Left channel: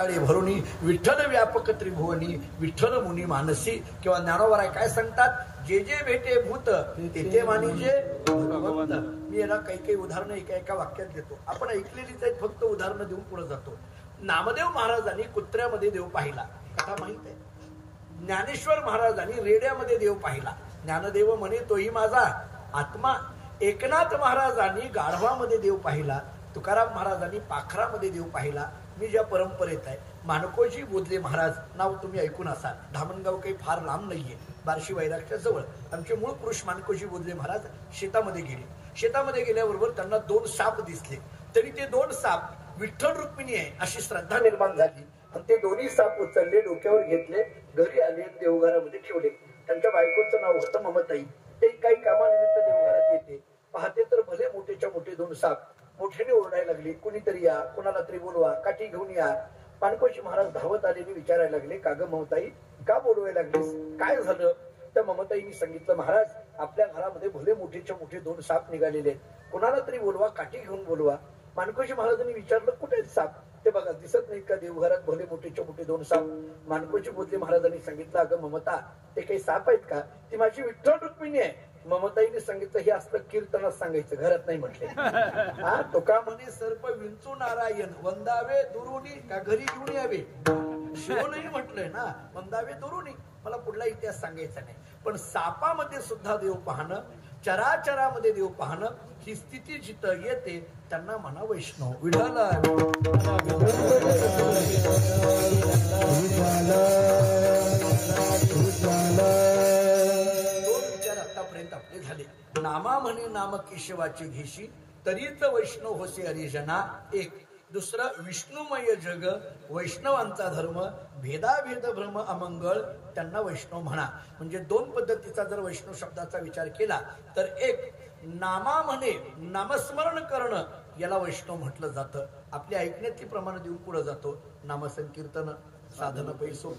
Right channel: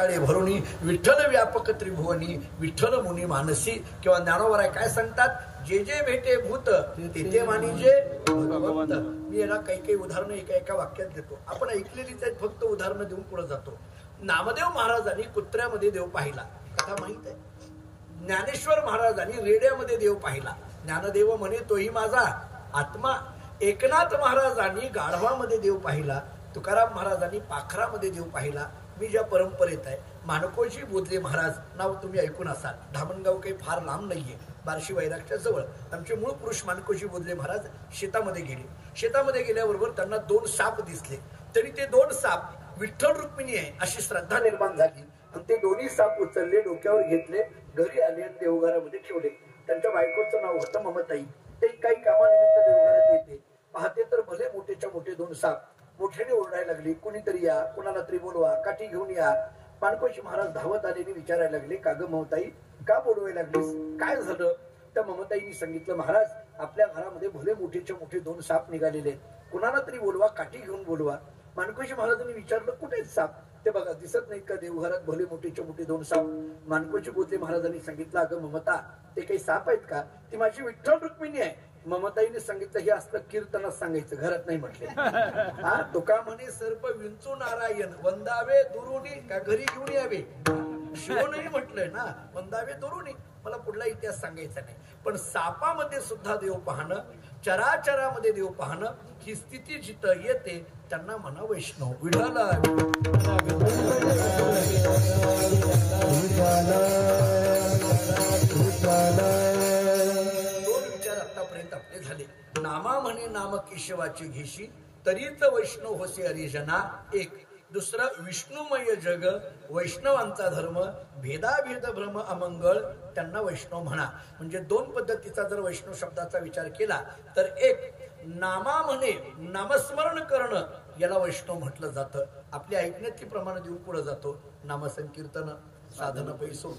भरुणी विठ्ठल व्यापक त्रिभुवनी विठ्ठल मुनी मानसी किंवा ज्ञानोबराय काय सांगतात, जे जे भेटे भूत तेथे मानिजे भगवंत. मी याला काही काही उदाहरणं एका वाक्यात घेतो. आपण ऐकलेलीच आहेत, फक्त उदाहरणं देऊन पुढे जातो. नामदेव महाराजांनी कुत्र्यामध्ये देव पाहिला, कथा माहित आहे. ज्ञानेश्वर महाराजांनी रेड्यामध्ये देव पाहिला, ज्ञानदेव म्हणे तोही माझा आत्मा. एकनाथ महाराजांनी गाढवामध्ये देव पाहिला, तुकाराम महाराजांनी पाखरामध्ये देव पाहिला. मी ज्या परंपरेत आहे, माणकोजी बोधले महाराज नाव तुम्ही ऐकून असाल. धामणगाव काही फार लांब नाहीये, बार्शी वैरागच्या जवळ. आमचे मूळ पुरुष माणकोजी बोधले महाराज शेतामध्ये गेले. शेतामध्ये गेल्याबरोबर त्यांना 2 साप दिसले. तरी ते 2 साप विठ्ठल रुक्मिणी आहे अशी श्रद्धा निर्माण झाली आणि ते दोन्ही साप उचलले, डोक्यावर घेतले, घरी आले, देवघरामध्ये ठेवले. त्यांच्या बायकोचं नाव होतं ममताई. ते काही कामानिमित्त देवघरात येते. पाहते तर भले मोठेच्या मोठे 2 साप मोठ्याने ओरडायला लागले, कुणीतरी या, कुणाला तरी बोलवा, काठी घेऊन या. माणकोजी महाराज धावत आलेली विचारायला लागले, का ग ममताई, का बोलवायला लागलीस, काय झालं? त्या ममताईंनी सांगितलं, महाराज आपल्या घरामध्ये भले मोठेच्या मोठे 2 साप निघालेले आहेत, कुणाला तरी बोलवा, काठी घेऊन बोलवा. माणकोजी महाराजांनी विचारलं, कुठे आहेत साप? ते बघा दिसत नाहीत का देवघरात भले मोठेच्या मोठे 2 साप? माणकोजी बोधले महाराजांनी सांगितलं, अगं ममता, ते काही साप आहेत का? ती माझी विठ्ठल रुक्मिणी आहे. ममताईने सांगितलं, हे असलं कीर्तनात सांगायचं, घरात नाही म्हटले. हा तुका म्हणे सर्प विंचू नारायण वंदावे दुरुनी का घरी घेऊन यावे. शिवनेही म्हटलंय ना, वंदावे दुरुनी. मला पुढला इतिहास सांगायचा नाही. पण सापामध्ये सुद्धा देव पाहणं, चराचरामध्ये देव पाहणं, ही स्थिती जिथं येते त्यांना म्हणा वैष्णव. विठाला आतापर्यंत आपले झाले. नामा म्हणे नाम केशवाचे घेशी तरीच वैष्णव होसे हरिजना एक. दुसरं विष्णुमय जग वैष्णवांचा धर्म भेदाभेद भ्रम अमंगळ त्यांना वैष्णव म्हणा. म्हणजे 2 पद्धतीचा जर वैष्णव शब्दाचा विचार केला तर एक नामा म्हणे नामस्मरण करणं याला वैष्णव म्हटलं जातं. आपली ऐकण्यातली प्रमाण देऊन पुढे जातो. नामसंकीर्तन साधन पैसो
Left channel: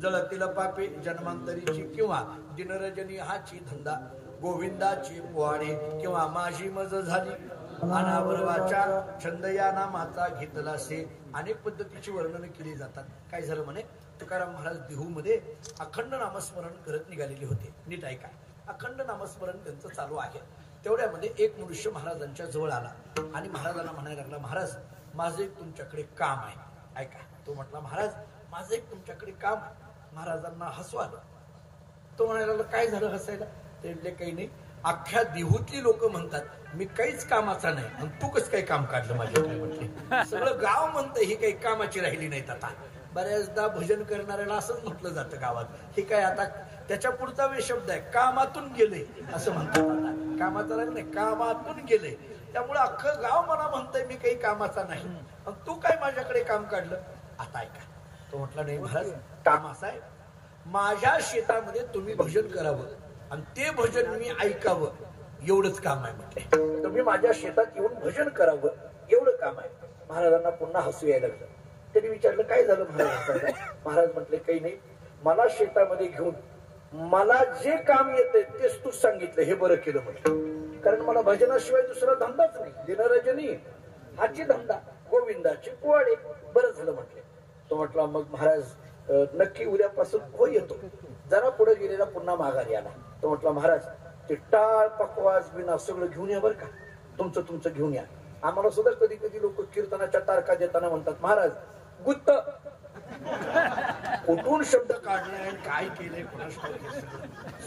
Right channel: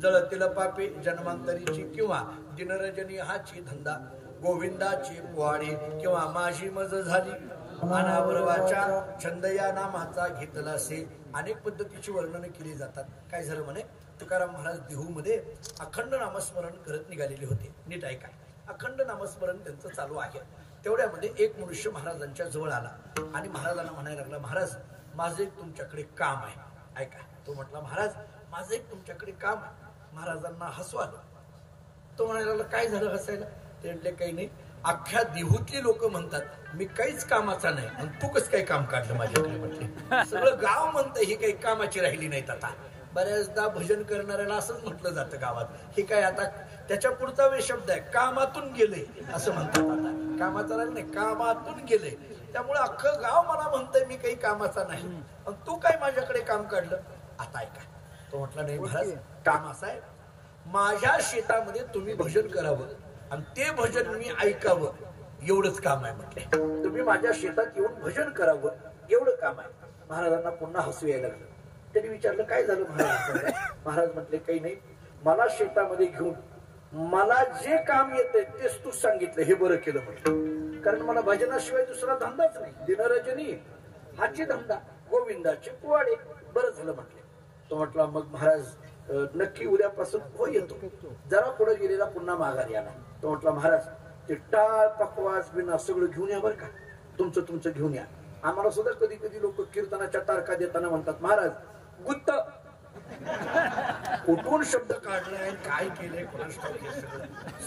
जळतील पापे जन्मांतरीची किंवा दिनरजनी हाची धंदा गोविंदाची पोवाडे किंवा माझी मज झाली अनावर वाचा छंद या नामाचा घेतला से. अनेक पद्धतीची वर्णन केली जातात. काय झालं म्हणे, तुकाराम महाराज देहूमध्ये अखंड नामस्मरण करत निघालेले होते. नीट ऐका, अखंड नामस्मरण त्यांचं चालू आहे. तेवढ्यामध्ये एक मनुष्य महाराजांच्या जवळ आला आणि महाराजांना म्हणायला लागला, महाराज माझं एक तुमच्याकडे काम आहे. ऐका, तो म्हटला, महाराज माझं एक तुमच्याकडे काम आहे. महाराजांना हसू आलं. तो म्हणायला लागला, काय झालं हसायला? ते म्हटले, काही नाही, अख्ख्या देहूतली लोक म्हणतात मी काहीच कामाचा नाही आणि तू कसं काही काम काढलं माझ्याकडे. म्हटले सगळं गाव म्हणतं ही काही कामाची राहिली नाहीत. आता बऱ्याचदा भजन करणाऱ्याला असंच म्हटलं जातं गावात, हे काय आता त्याच्या पुढचा वे शब्द आहे, कामातून गेले असं म्हणतात. आता कामाचा नाही, कामातून गेले. त्यामुळे अख्खं गाव मला म्हणतंय मी काही कामाचा नाही पण तू काय माझ्याकडे काम काढलं. आता ऐका, तो म्हटला, नाही महाराज, काम असं आहे, माझ्या शेतामध्ये तुम्ही भजन करावं आणि ते भजन मी ऐकावं एवढंच काम आहे. म्हटलं तुम्ही माझ्या शेतात येऊन भजन करावं एवढं काम आहे. महाराजांना पुन्हा हसू यायला लागलं. त्यांनी विचारलं, काय झालं महाराज? महाराज म्हटले, काही नाही, मला शेतामध्ये घेऊन मला जे काम येतंय तेच तू सांगितलं, हे बरं केलं म्हटलं. कारण मला भजनाशिवाय दुसरा धंदाच नाही. दिनरजनी हाची धंदा गोविंदाची पोवाडे. बरं झालं म्हटले. तो म्हटला, मग महाराज नक्की उद्यापासून हो येतो. जरा पुढे गेलेला पुन्हा माघारी आला. तो म्हटला, महाराज ते टाळ पकवाज बिना सगळं घेऊन या बरं का, तुमचं घेऊन या. आम्हाला सुद्धा कधी कधी लोक कीर्तनाच्या तारखा देताना म्हणतात, महाराज गुत्त कुठून शब्द काढले आणि काय केलंय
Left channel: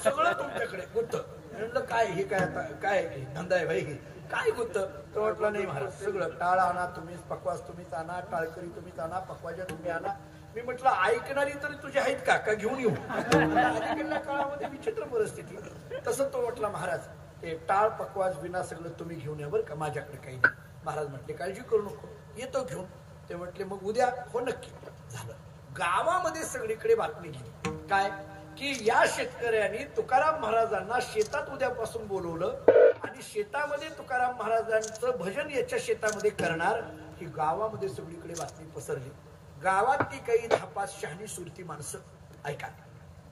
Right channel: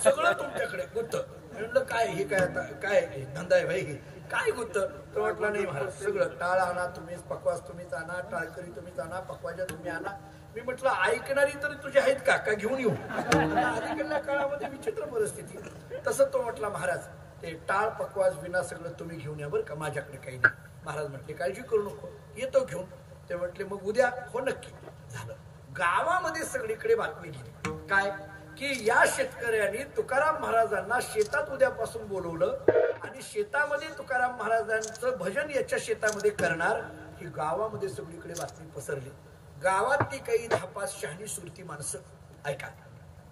सगळं तुमच्याकडे गुत्त. म्हणलं काय हे काय आता काय धंदा आहे भाई, काय गुत्त? तो म्हटला, नाही महाराज, सगळं टाळ आणा तुम्ही, पकवास तुम्हीच आणा, टाळकरी तुम्हीच आणा, पकवाजा तुम्ही आणा. मी म्हटलं, ऐकणारी तरी तुझे आहेत का घेऊन येऊ? काळामध्ये विचित्र परिस्थिती आहे. तसं तो म्हटला, महाराज ते टाळ पकवास बिना सगळं तुम्ही घेऊन या बरं का, माझ्याकडे काही नाही. महाराज म्हटले, काळजी करू नको, येतो घेऊन. ते म्हटले, मग उद्या हो नक्की. झालं. गावामध्ये सगळीकडे बातमी गेली काय की या शेतकऱ्यांनी तुकाराम महाराजांना शेतात उद्यापासून बोलवलं आणि शेतामध्ये तुकाराम महाराजांचं भजन याच्या शेतामध्ये करणार ही गावामध्ये सगळीकडे बातमी पसरली. गावातली काही 10-5 शहाणी सुरती माणसं ऐका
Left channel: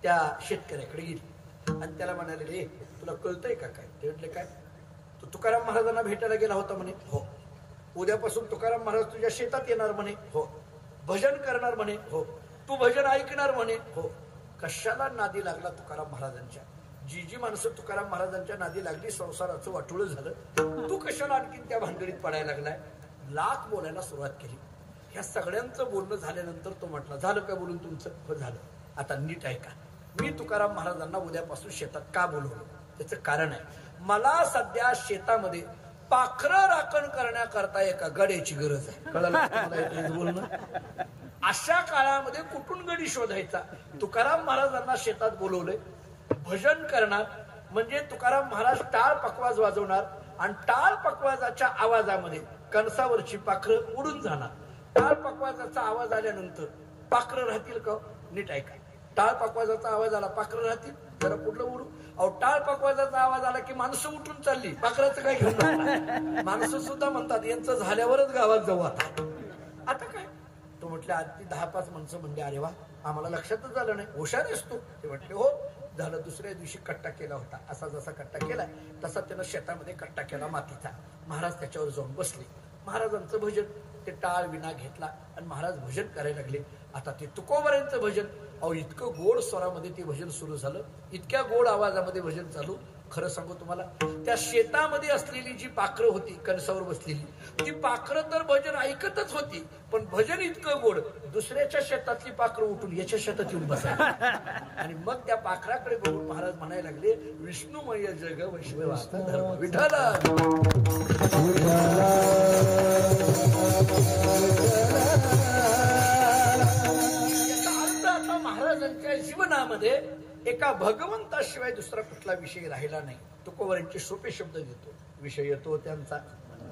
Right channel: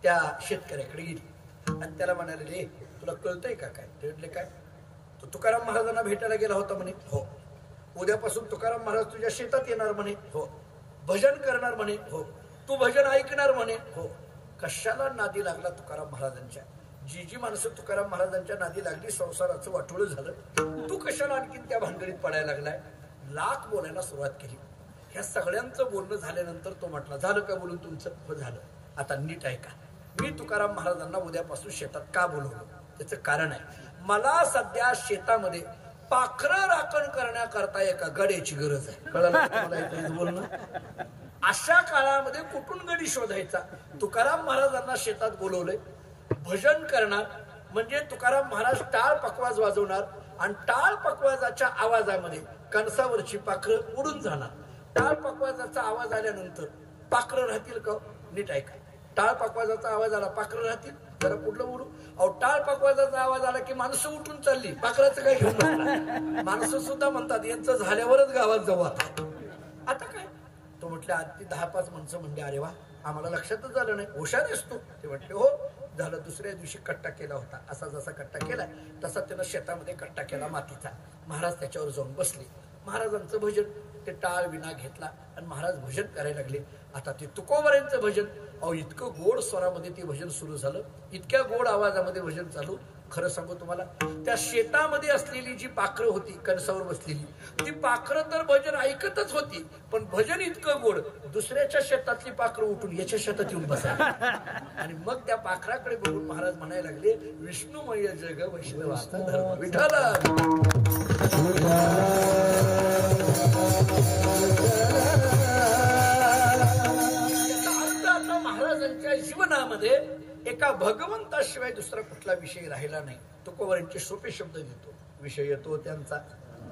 त्या शेतकऱ्याकडे गेली आणि त्याला म्हणाले, तुला कळतंय का काय? ते म्हटले, काय? तो तुकाराम महाराजांना भेटायला गेला होता म्हणे. हो. उद्यापासून तुकाराम महाराज तुझ्या शेतात येणार म्हणे. हो. भजन करणार म्हणे, हो. तू भजन ऐकणार म्हणे, हो. कशाला नादी लागला तुकाराम महाराजांच्या? जी माणसं तुकाराम महाराजांच्या नादी लागली संसाराचं वाटोळं झालं, तू कशाला आणखीन त्या भानगडीत पडायला लागलाय? लाख बोलायला सुरुवात केली. ह्या सगळ्यांचं बोलणं झाल्यानंतर तो म्हटला, झालं का बोलून तुमचं? हो झालं. आता नीट ऐका, मी तुकाराम महाराजांना उद्यापासून शेतात का बोलवलं त्याचं कारण आहे. मला सध्या शेतामध्ये पाखरं राखण करण्याकरता एका गड्याची गरज आहे. कळलं बोलणं? अशा काळामध्ये कुठून गडी शोधायचा? तुकाराम महाराजांना शेतात बोलवलंय, भजन करणार म्हणजे तुकाराम महाराज टाळ पकवाज वाजवणार आणि टाळ पकवाजाच्या आवाजामध्ये कणसावरची पाखरं उडून जाणार. टाळ पकवाजाचा आवाज आल्यानंतर पाखरं राहतील का? नीट ऐका, टाळ पकवाजाचा आवाज आला, पाखरं राहतील? जरा कुठलं उडू? अहो, टाळ पकवाजाचा आवाज आला की माणसं उठून चालली, पाखराचं काय घेऊन? माणसं सुद्धा म्हणतात यांचं झाल्यावरच गावात जाऊ आता काय? तो म्हटलं आधी 10-5 माणसं म्हणजे अरे वा, आम्हाला लक्षातच झालं नाही, हुशार असतो. ते म्हटले हो झालं. दुसऱ्या दिवशी कट्टा केला होता. असा जसा कट्टा केला तसा त्यानं शेतामध्ये कट्टा केला मातीचा. महाराज त्याच्यावर जाऊन बसले. महाराजांचं भजन, ते टाळ विना घेतला आणि महाराज भजन करायला लागले. आता ते तुकोबारांचं भजन, अहो इतकं गोड स्वरामध्ये ते भजन सुरू झालं, इतक्या गोड आवाजामध्ये भजन चालू. खरं सांगू तुम्हाला, त्या शेतामध्ये असलेली जी पाखरं होती कणसावर बसलेली, ती पाखरं तर भजन ऐकतच होती, पण भजन इतकं गोड, दुसऱ्याच्या शेतातली पाखरं उठून याच्या शेतात येऊन बसायची. आणि मग त्या पाखराकडे बघून महाराज म्हणायला लागले, विष्णुमय जग वैष्णवाचा धर्म विठ्ठल. आता महाराजांच्या जीवनामध्ये एका भगवंताशिवाय दुसरा कुठला विषय राहिला नाही. तुकोबारांचे सोपे शब्द देतो. विषय तो त्यांचा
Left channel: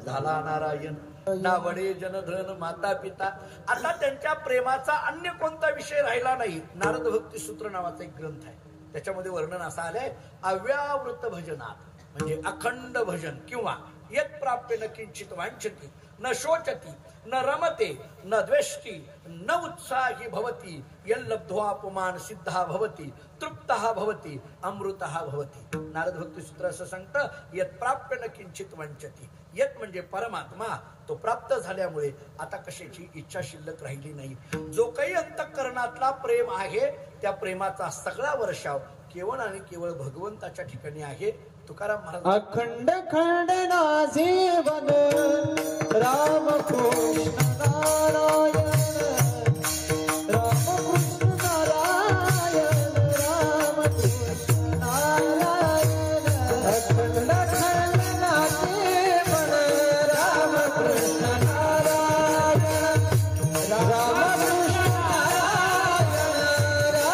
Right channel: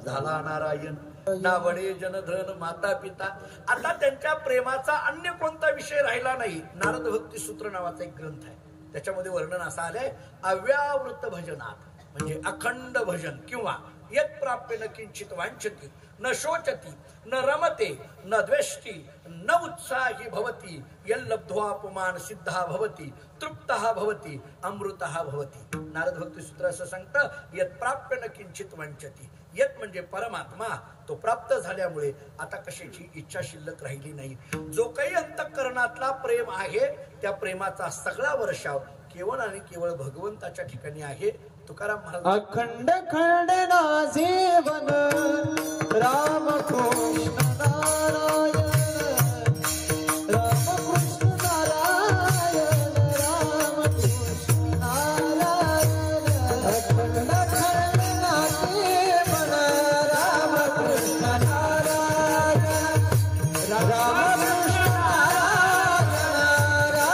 झाला नारायण, ना वडे जनधन माता पिता. आता त्यांच्या प्रेमाचा अन्य कोणता विषय राहिला नाही. नारद भक्ती सूत्र नावाचा एक ग्रंथ आहे, त्याच्यामध्ये वर्णन असं आलंय, अव्यावृत भजनात म्हणजे अखंड भजन किंवा यत् प्राप्य न किंचित वांछति न शोचती न रमते न द्वेष्टी न उत्साही भवती यल्लब्ध्वा पुमान सिद्धा भवती तृप्तः भवती अमृतः भवती. नारद भक्ती सूत्र असं सांगतं, यत् प्राप्य न किंचित वांछति. यत म्हणजे परमात्मा, तो प्राप्त झाल्यामुळे आता कशाची इच्छा शिल्लक राहिली नाही. जो काही अंतःकरणातला प्रेम आहे त्या प्रेमाचा सगळा वर्षाव केवळ आणि केवळ भगवंताच्या ठिकाणी आहे. तुकाराम महाराज अखंड खंड ना जीवन राम कृष्ण नारायण, राम कृष्ण नारायण, राम कृष्ण नारायण. अखंड खंड ना जीवन राम कृष्ण नारायण, राम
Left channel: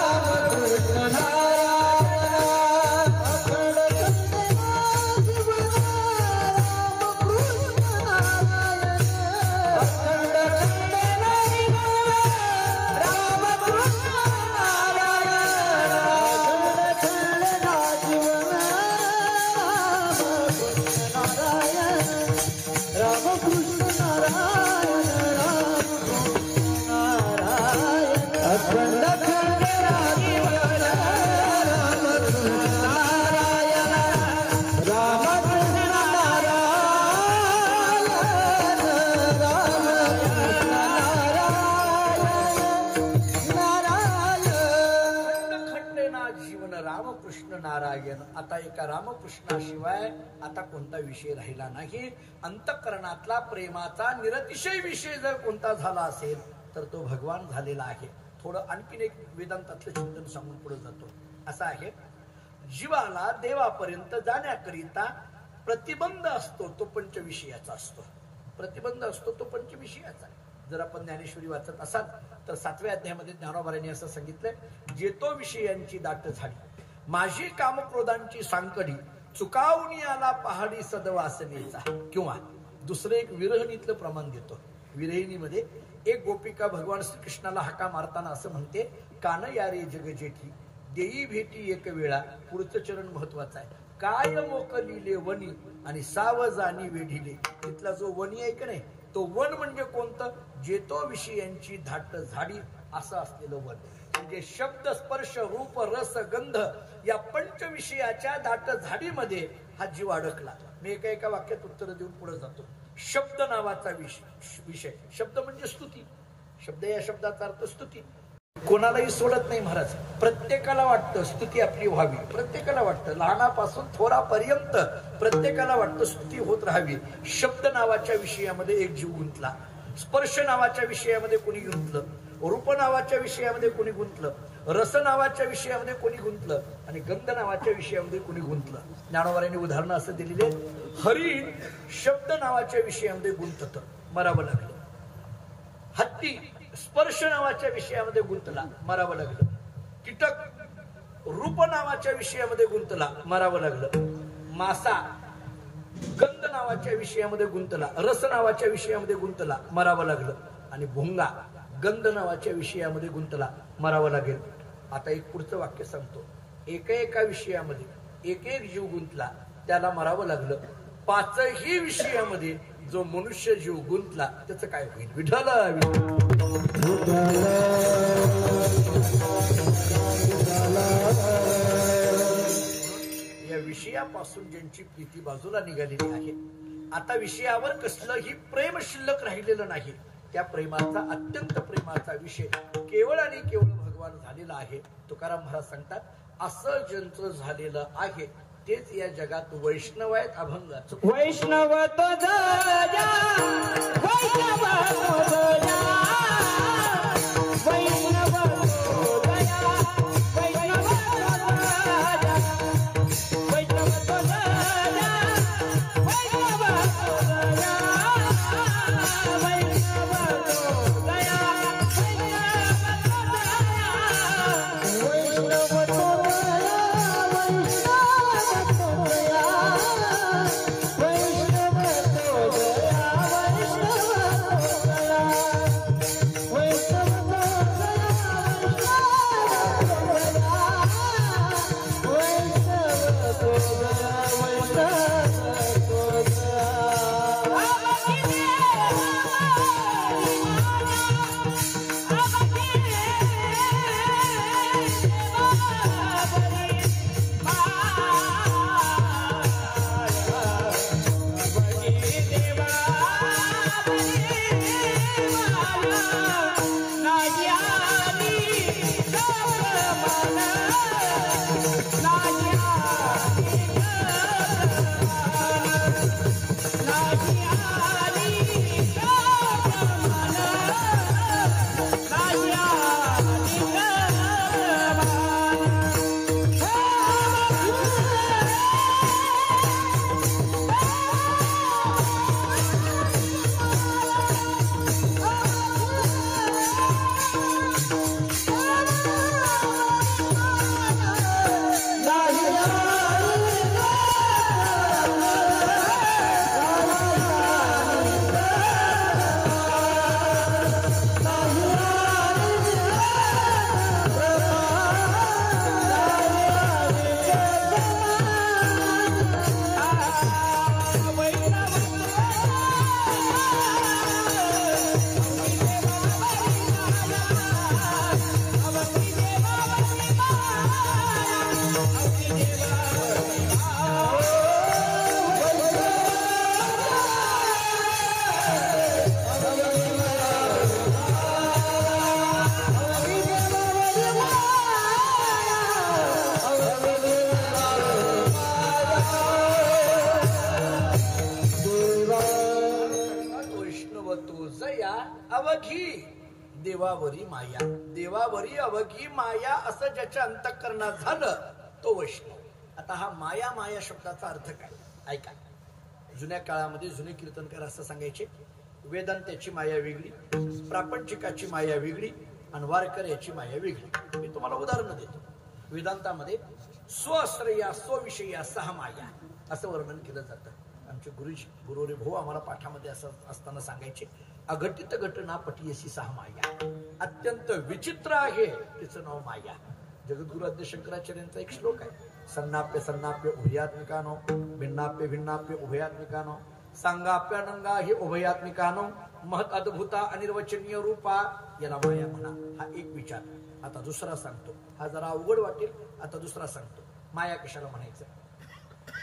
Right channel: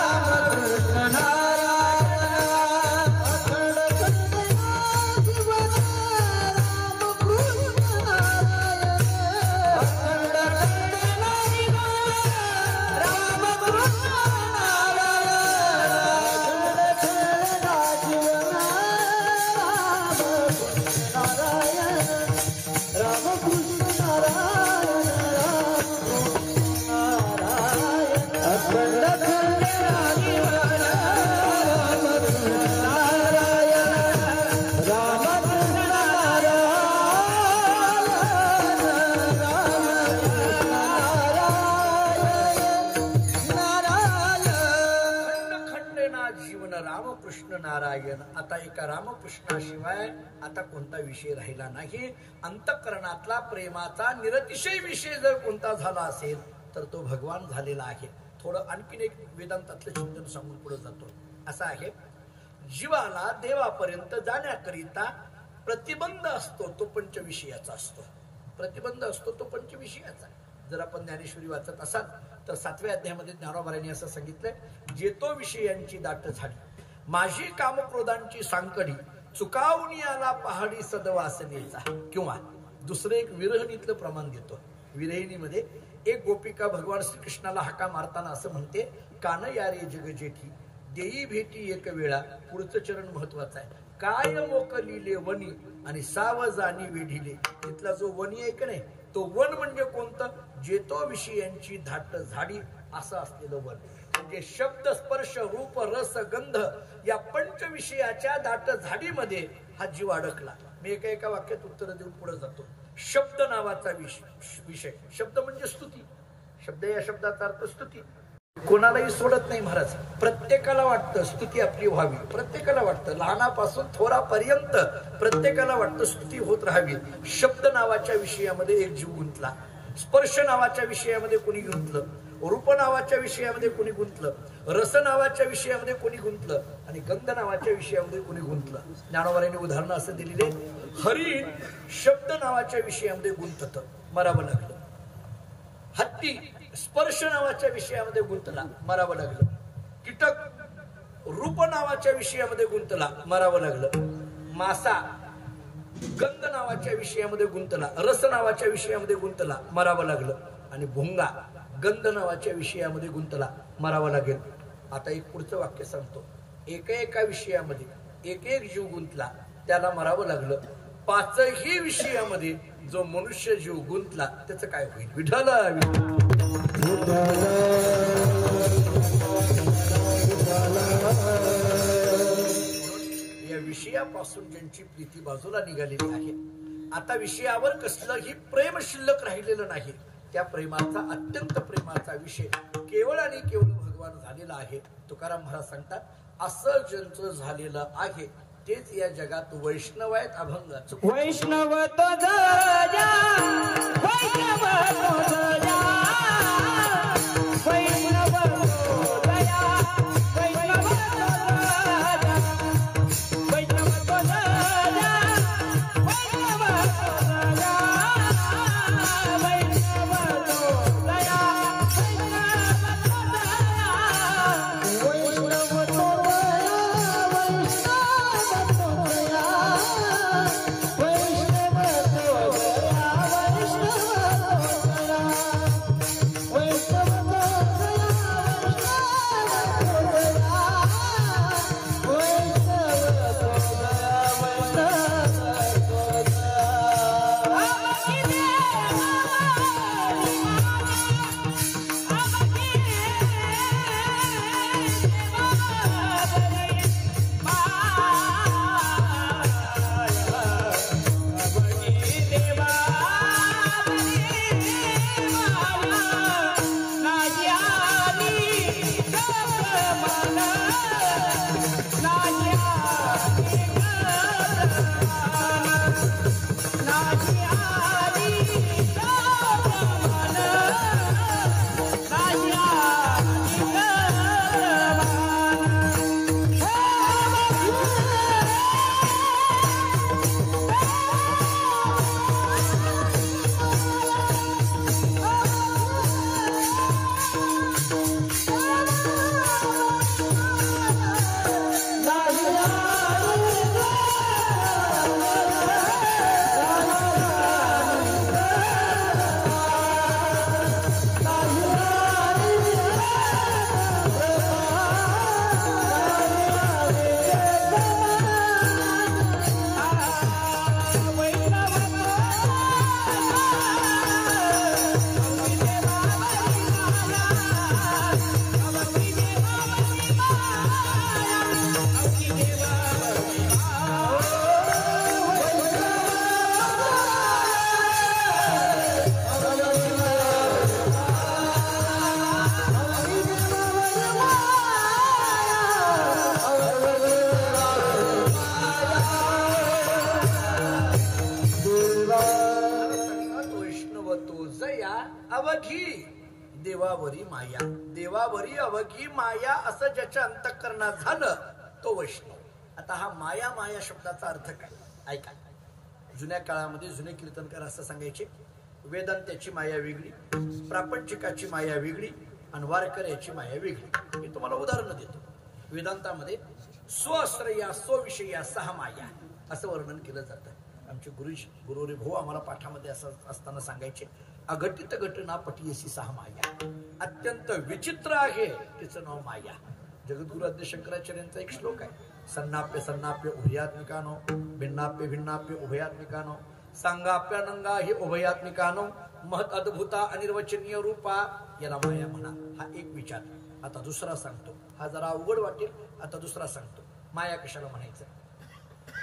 कृष्ण नारायण, राम कृष्ण नारायण. आता एका रामकृष्णाशिवाय आता कोणता विषय राहिला नाही. अंतःकरणातला प्रेमाचा निरतिशय विषय जर कोणता झाला असेल तर तो भगवान झालेला आहे. थोडं आणखीन एक वेदांतातलं चिंतन सांगून पुढे जातो. असं आहे, जीवाला देवापर्यंत जाण्याकरिता प्रतिबंध असतो तो पंचविषयाचा असतो. प्रतिबंध असतो तो पंचविषयाचा. जर आपण ज्ञानेश्वरी वाचत असाल तर 7व्या अध्यायामध्ये ज्ञानोबारांनी असं सांगितलंय, जेतो विषयांची दाट झाली, माझी कामक्रोधांची सांकडी, चुकावणी आला पहाडी सदवासनेचा. किंवा दुसरं एक विरहिणीतलं प्रमाण देतो. विरहिणीमध्ये एक गोपिका भगवान श्रीकृष्णाला हाका मारताना असं म्हणते, कान यारे जग जेठी देई भेटी एक वेळा. पुढचं चरण महत्वाचं आहे. काय मोकलिले वनी आणि सावजानी वेढिले. तिथला जो वनी आहे का नाही, तो वन म्हणजे कोणतं? जेतो विषयांची धाट झाडी असं असलेलं वन. म्हणजे शब्द स्पर्श रूप रस गंध या पंचविषयाच्या दाट झाडीमध्ये हा जीव अडकला. मी एका वाक्यात उत्तर देऊन पुढे जातो. शब्द नावाचा विषय. शब्द म्हणजे स्तुती. शब्द या शब्दाचा अर्थ स्तुती. कोणालाही सोडत नाही महाराज. प्रत्येकाला वाटतं स्तुती आपली व्हावी. प्रत्येकाला वाटतं, लहानापासून थोरापर्यंत प्रत्येकाला वाटतं स्तुती होत राहावी. शब्द नावाच्या विषयामध्ये एक जीव गुंतला, स्पर्श नावाच्या विषयामध्ये कोणी गुंतलं, रूप नावाच्या विषयामध्ये कोणी गुंतलं, रस नावाच्या विषयामध्ये कोणी गुंतलं आणि गंध नावाच्या विषयामध्ये कोणी गुंतलं. ज्ञानोबांनी उदाहरणं असं दिलेले. हरिण शब्द नावाच्या विषयामध्ये गुंतत, मरावं लागलं. हत्ती स्पर्श नावाच्या विषयामध्ये गुंतला, मरावं लागलं. कीटक रूप नावाच्या विषयामध्ये गुंतला, मरावं लागलं. मासा गंध नावाच्या विषयामध्ये गुंतला, रस नावाच्या विषयामध्ये गुंतला, मरावं लागलं. आणि भुंगा गंध नावाच्या विषयामध्ये गुंतला, मरावं लागेल. आता एक पुढचं वाक्य सांगतो. एका विषयामध्ये एक जीव गुंतला, त्याला मरावं लागलं. पाचही विषयामध्ये जो मनुष्य जीव गुंतला त्याचं काय होईल? विठाला या विषयापासून ज्यांची प्रीती बाजूला निघालेली आहे, आता विषयावर कसलंही प्रेम शिल्लक राहिलेलं नाही. त्या प्रेमाचा, अत्यंत प्रेमाचा विषय केवळ आणि केवळ भगवान झालेला आहे. तुकाराम महाराज सांगतात, असं ज्यांचं झालेलं आहे तेच या जगात वैष्णव आहेत. अभंगाचं वैष्णव तो जया, वैष्णव तो जया, वैष्णव तो जया, वैष्णव तो जया, वैष्णव तो जया, वैष्णव तो अवघी देवावरी माया. देवावरी अवघी माया असं ज्याच्या अंतःकरणात झालं तो वैष्णव. आता हा माया माया शब्दाचा अर्थ काय? ऐका. जुन्या काळामध्ये जुने कीर्तनकार असं सांगायचे, वेदांत्याची माया वेगळी, प्रापंचिकाची माया वेगळी आणि वारकऱ्याची माया वेगळी. मी तुम्हाला उदाहरण देतो. वेदांतामध्ये स्वश्रया स्वविषया सहा माया असं वर्णन केलं जातं. आमचे गुरुजी गुरुरे भाऊ आम्हाला पाठामध्ये असं असताना सांगायचे, अघटित घटना पटीयसी सहा माया. अत्यंत विचित्र आहे तिचं नाव माया. जगद्गुरु आद्य शंकराचार्यांचा एक श्लोक आहे, सन्नाप्य सन्नाप्य उभयात्मिकानो, भिन्नाप्य भिन्नाप्य उभयात्मिकानो, सांगाप्य नंगा हे उभयात्मिकानो, महत अद्भुता अनिर्वचनीय रूपा, याला माया म्हणा. हा एक विचार. आता दुसरा सांगतो, हा जरा अवघड वाटेल. आता दुसरा सांगतो, माया कशाला म्हणायचं?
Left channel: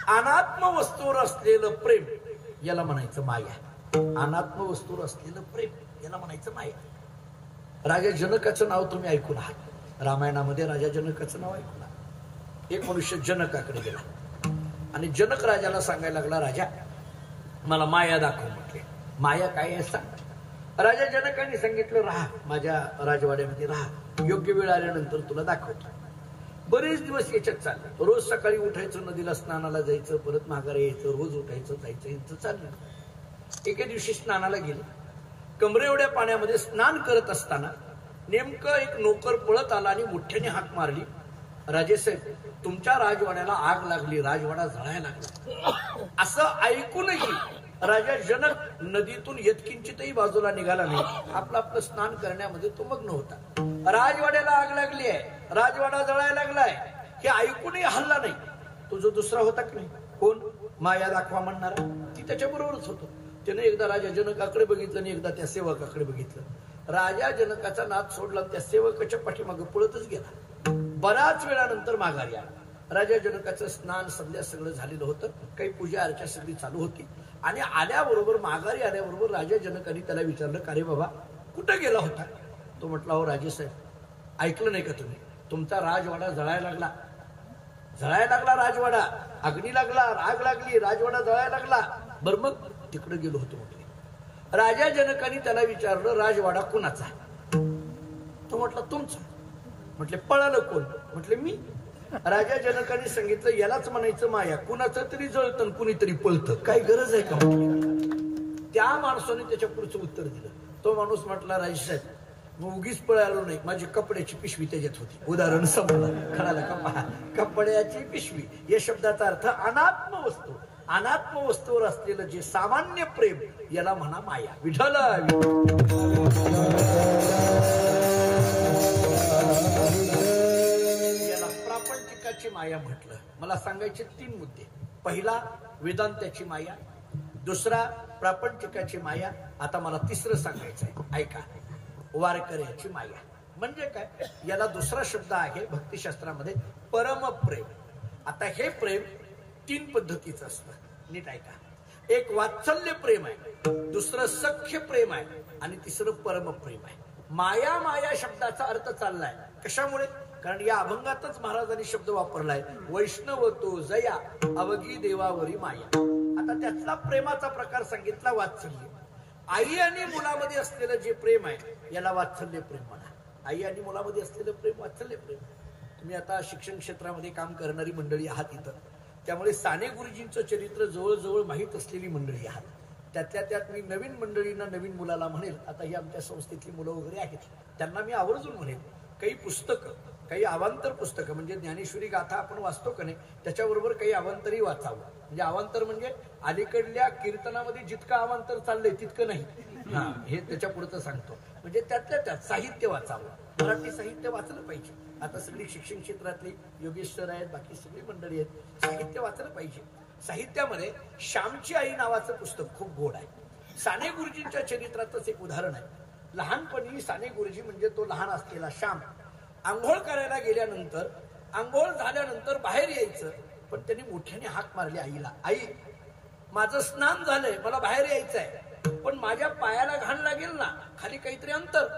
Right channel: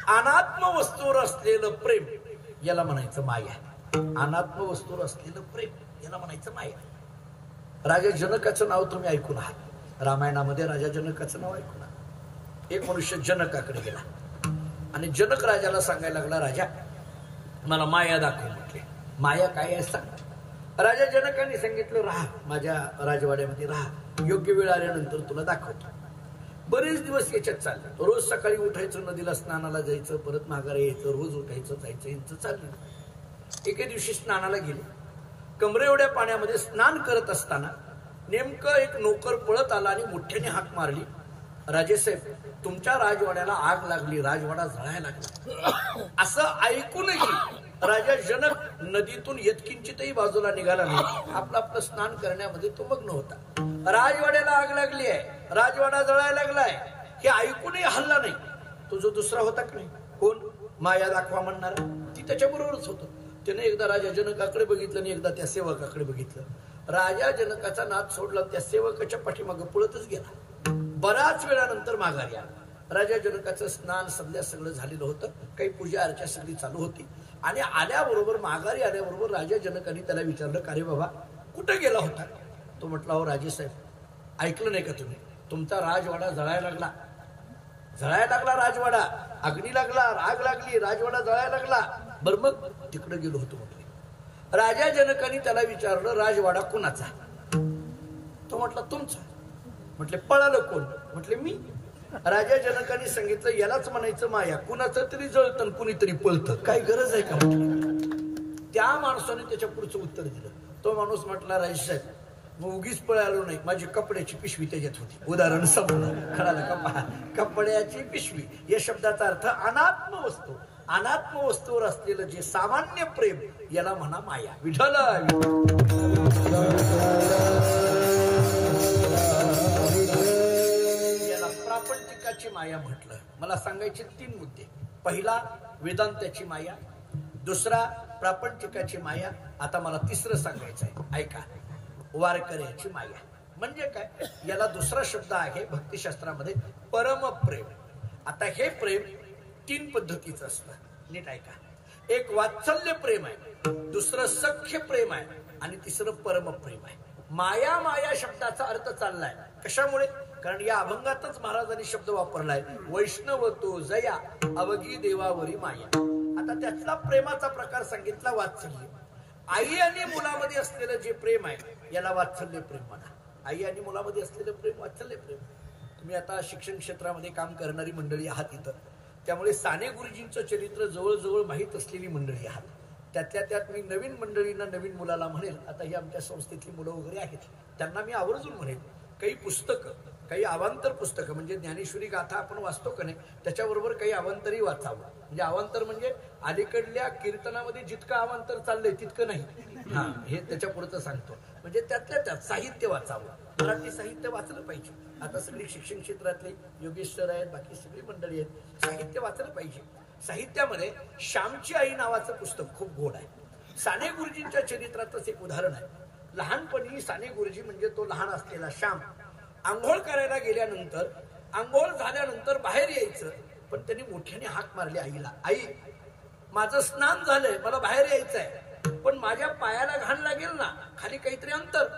अनात्म वस्तूवर असलेलं प्रेम याला म्हणायचं माया. अनात्म वस्तूवर असलेलं प्रेम याला म्हणायचं माया. राजा जनकाचं नाव तुम्ही ऐकून आहात, रामायणामध्ये राजा जनकाचं नाव ऐकून आहात. एक मनुष्य जनकाकडे गेला आणि जनक राजाला सांगायला लागला, राजा मला माया दाखव म्हटले. माया काय आहे सांग. राजा जनकाने सांगितलं, राहा माझ्या राजवाड्यामध्ये राहा, योग्य वेळ आल्यानंतर तुला दाखवतो. बरेच दिवस याच्यात चाललं. रोज सकाळी उठायचं, नदीला स्नानाला जायचं, परत माघारी यायचं, रोज उठायचं जायचं, यांचं चाललं. एके दिवशी स्नानाला गेले. कमरे एवढ्या पाण्यामध्ये स्नान करत असताना नेमकं एक नोकर पळत आला आणि मोठ्याने हाक मारली, राजेसाहेब तुमच्या राजवाड्याला आग लागली, राजवाडा जळायला लागला. असं ऐकूनही राजा जनक नदीतून यत्किंचितही बाजूला निघाला नाही. आपलं स्नान करण्यामध्ये तो मग्न होता. राजवाड्याला आग लागली आहे, राजवाडा जळायला लागलाय हे ऐकूनही हल्ला नाही. तो जो दुसरा होता की नाही, कोण माया दाखवा म्हणणारा, ती त्याच्याबरोबरच होतो. त्याने एकदा राजा जनकाकडे बघितलं आणि एकदा त्या सेवकाकडे बघितलं. राजा जनकाचा नाद सोडला, त्या सेवकाच्या पाठीमागे पळतच गेला. बराच वेळानंतर माघारी आला. राजा जनकाचं स्नान संध्या सगळं झालेलं होतं, काही पूजा अर्चा सगळी चालू होती. आणि आल्याबरोबर माघारी आल्याबरोबर राजा जनकाने त्याला विचारलं, का रे बाबा कुठं गेला होता? तो म्हटला, हो राजेसाहेब ऐकलं नाही का तुम्ही, तुमचा राजवाडा जळायला लागला. जळायला लागला राजवाडा, अग्नी लागला, आग लागली, राजवाडा जळायला लागला. बरं मग तिकडे गेलो होतो म्हटले. राजा जनकाने त्याला विचारलं, राजवाडा कोणाचा? तो म्हटला, तुमचा. म्हटले, पळालं कोण? म्हटले, मी. राजा जनकाने सांगितलं, यालाच म्हणायचं माया, कुणाचं तरी जळतं कुणीतरी पळतं, काय गरज आहे का? त्या माणसाने त्याच्या पुढचं उत्तर दिलं. तो माणूस म्हटला, राजेसाहेब मग उगीच पळालो नाही, माझी कपड्याची पिशवी त्याच्यात होती. उदाहरण समजलं, कळालं का? कपड्याची पिशवी या शब्दाचा अर्थ अनात्म वस्तू. अनात्म वस्तूवर असलेलं जे सामान्य प्रेम याला म्हणा माया. विठ्ठल याला प्रापंचिकाची माया म्हटलं. मला सांगायचे 3 मुद्दे. पहिला वेदांताची माया, दुसरा प्रापंचिकाची माया, आता मला तिसरं सांगायचं आहे, ऐका, वारकऱ्याची माया. म्हणजे काय? याला दुसरा शब्द आहे भक्तिशास्त्रामध्ये परमप्रेम. आता हे प्रेम 3 पद्धतीचं असतं, नीट ऐका. एक वात्सल्य प्रेम आहे, दुसरं सख्य प्रेम आहे आणि तिसरं परमप्रेम आहे. माया माया शब्दाचा अर्थ चाललाय कशामुळे? कारण या अभंगातच महाराजांनी शब्द वापरलाय, वैष्णव तो जया अवघी देवावरी माया. आता त्यातला प्रेमाचा प्रकार सांगितला वात्सल्य. आई आणि मुलामध्ये असलेलं जे प्रेम आहे याला वात्सल्य प्रेम म्हणा. आई आणि मुलामध्ये असलेलं प्रेम वात्सल्य प्रेम. तुम्ही आता शिक्षण क्षेत्रामध्ये काम करणारी मंडळी आहात इथं, त्यामुळे साने गुरुजींचं चरित्र जवळजवळ माहीत असलेली मंडळी आहात. त्यातल्या त्यात मी नवीन मंडळींना, नवीन मुलाला म्हणेल, आता ही आमच्या संस्थेतली मुलं वगैरे आहेत, त्यांना मी आवर्जून म्हणेल, काही पुस्तकं, काही अवांतर पुस्तकं म्हणजे ज्ञानेश्वरी गाथा आपण वाचतो का नाही, त्याच्याबरोबर काही अवांतरही वाचावं. म्हणजे अवांतर म्हणजे अलीकडल्या कीर्तनामध्ये जितकं अवांतर चाललंय तितकं नाही, हे त्याच्या पुढचं सांगतो. म्हणजे त्यातल्या त्यात साहित्य वाचावं, मराठी साहित्य वाचलं पाहिजे. आता सगळी शिक्षण क्षेत्रातले योगेश सर आहेत, बाकी सगळी मंडळी आहेत, साहित्य वाचलं पाहिजे. साहित्यामध्ये श्यामची आई नावाचं पुस्तक खूप गोड आहे. साने गुरुजींच्या चरित्रातच एक उदाहरण आहे. लहानपणी साने गुरुजी म्हणजे तो लहान असलेला श्याम आंघोळ करायला गेल्यानंतर, आंघोळ झाल्यानंतर बाहेर यायचं, पण त्यांनी मोठ्याने हाक मारली आईला, आई माझं स्नान झालंय, मला बाहेर यायचंय, पण माझ्या पायाला घाण लागेल ना, खाली काहीतरी अंतर.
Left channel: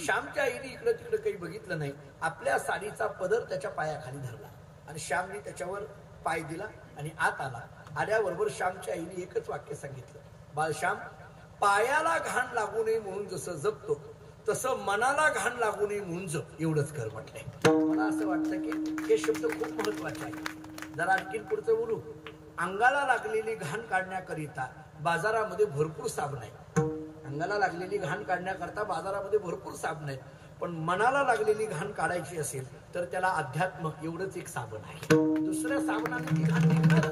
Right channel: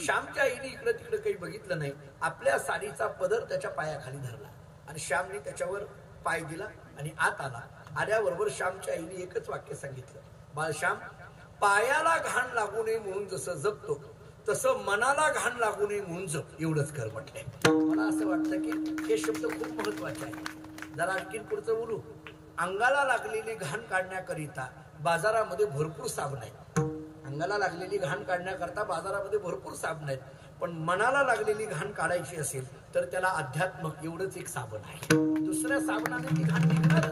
श्यामच्या आईने इकडे तिकडे काही बघितलं नाही, आपल्या साडीचा पदर त्याच्या पायाखाली धरला आणि श्यामने त्याच्यावर पाय दिला आणि आत आला. आल्याबरोबर श्यामच्या आईने एकच वाक्य सांगितलं, बाळश्याम पायाला घाण लागू नये म्हणून जसं जगतो तसं मनाला घाण लागू नये म्हणून जग, एवढंच कर म्हटलंय. मला असं वाटतं की हे शब्द खूप महत्वाचे आहेत. जरा आणखीन पुढचं बोलू. अंगाला लागलेली घाण काढण्याकरिता बाजारामध्ये भरपूर साबण आहेत. अंगाला लागलेली घाण काढण्याकरता बाजारामध्ये भरपूर साबण आहेत, पण मनाला लागलेली घाण काढायची असेल तर त्याला अध्यात्म एवढंच एक साबण आहे. दुसऱ्या साबणाने ती घाण निघणार,